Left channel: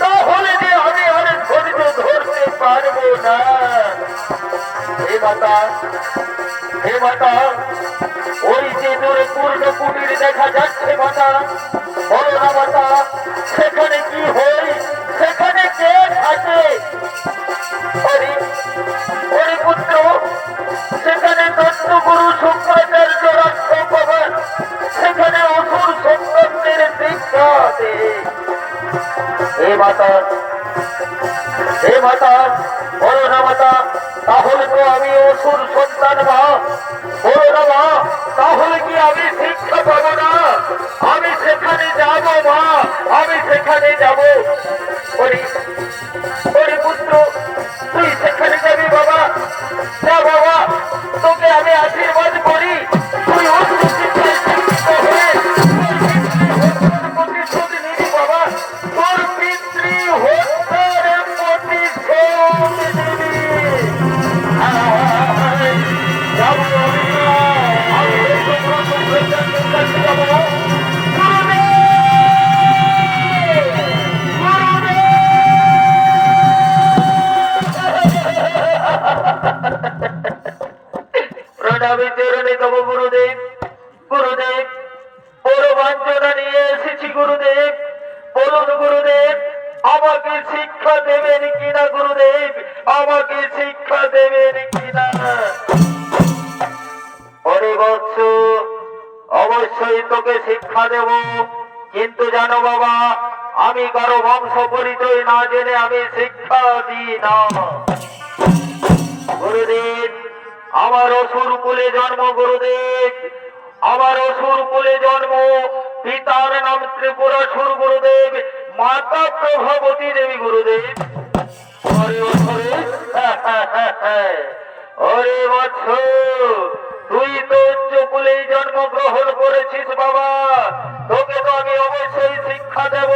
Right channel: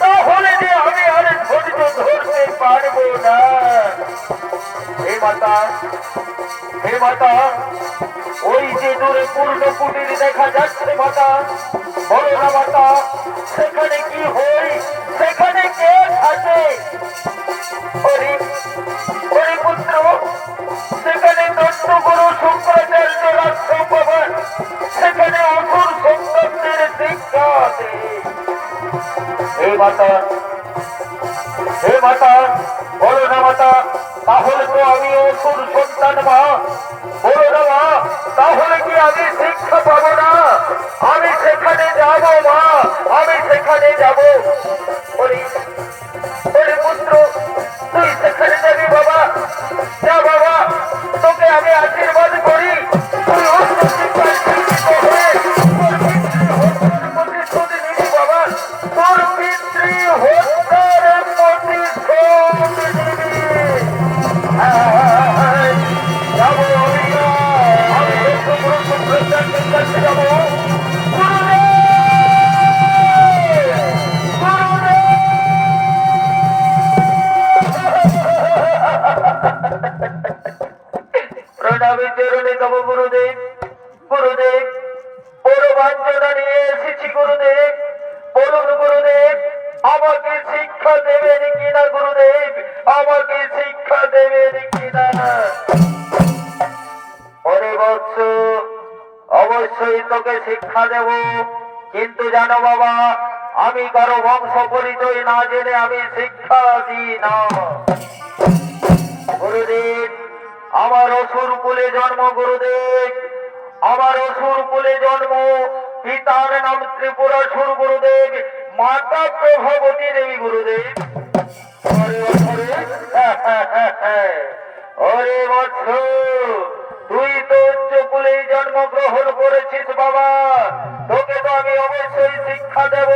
তাহলে যে আমি আর ধৈর্য ধরতে পারবো না। হে মাতা, ওই যে দূরে পূর্ণ কুটির দেখা যাচ্ছে মাতা, বলো না মাতা, সেখানে কি হয়, সেখানে কে থাকে? হরিপুত্র, সেখানে দত্তগুরু শুক্রাচার্য রাষ্ট্রপ্রধান, সেখানে অসুর সন্তানদের শিক্ষা দেয়। হে মাতা, বলো না মাতা, তাহলে তো আমি অসুর সন্তান মা, বলো না মা, তাহলে কি আমি শিক্ষা পাবো না? আমি সেখানে যাব মা, আমি সেখানে যাব। হরিপুত্র, তুই সেখানে যাবি বাবা, যা বাবা, তোকে আমি আশীর্বাদ করি, তুই অস্ত্র শিক্ষায় শিক্ষিত হয়ে তোর পিতৃ হত্যার প্রতিশোধ নিবি বাবা, তোর পিতৃ হত্যার প্রতিশোধ নিবি। যাবো যাবো প্রণামী চরণে তব গুরুদেব। গুরুদেব, বড় বাঞ্ছনা নিয়ে এসেছি গুরুদেব, বলুন গুরুদেব, আমাকে শিক্ষা দেবেন কিনা? গুরুদেব, আমাকে শিক্ষা দেবেন কিনা? হরিবৎস, অবশ্যই তোকে শিক্ষা দেব, কিন্তু জানো বাবা, আমি কারো বংশ পরিচয় না জেনে আমি শিক্ষা দিই না। আমার অসুর কুলে জন্ম গুরুদেব, আমার অসুর কুলে জন্ম। পিতার নাম ত্রিপুরাসুর গুরুদেব, মাতা প্রভাবতী দেবী গুরুদেব। ওরে বৎসরে, ওরে বৎস, তুই তো উচ্চ কুলেই জন্মগ্রহণ করেছিস বাবা, তোকে তো আমি অবশ্যই শিক্ষা দেব।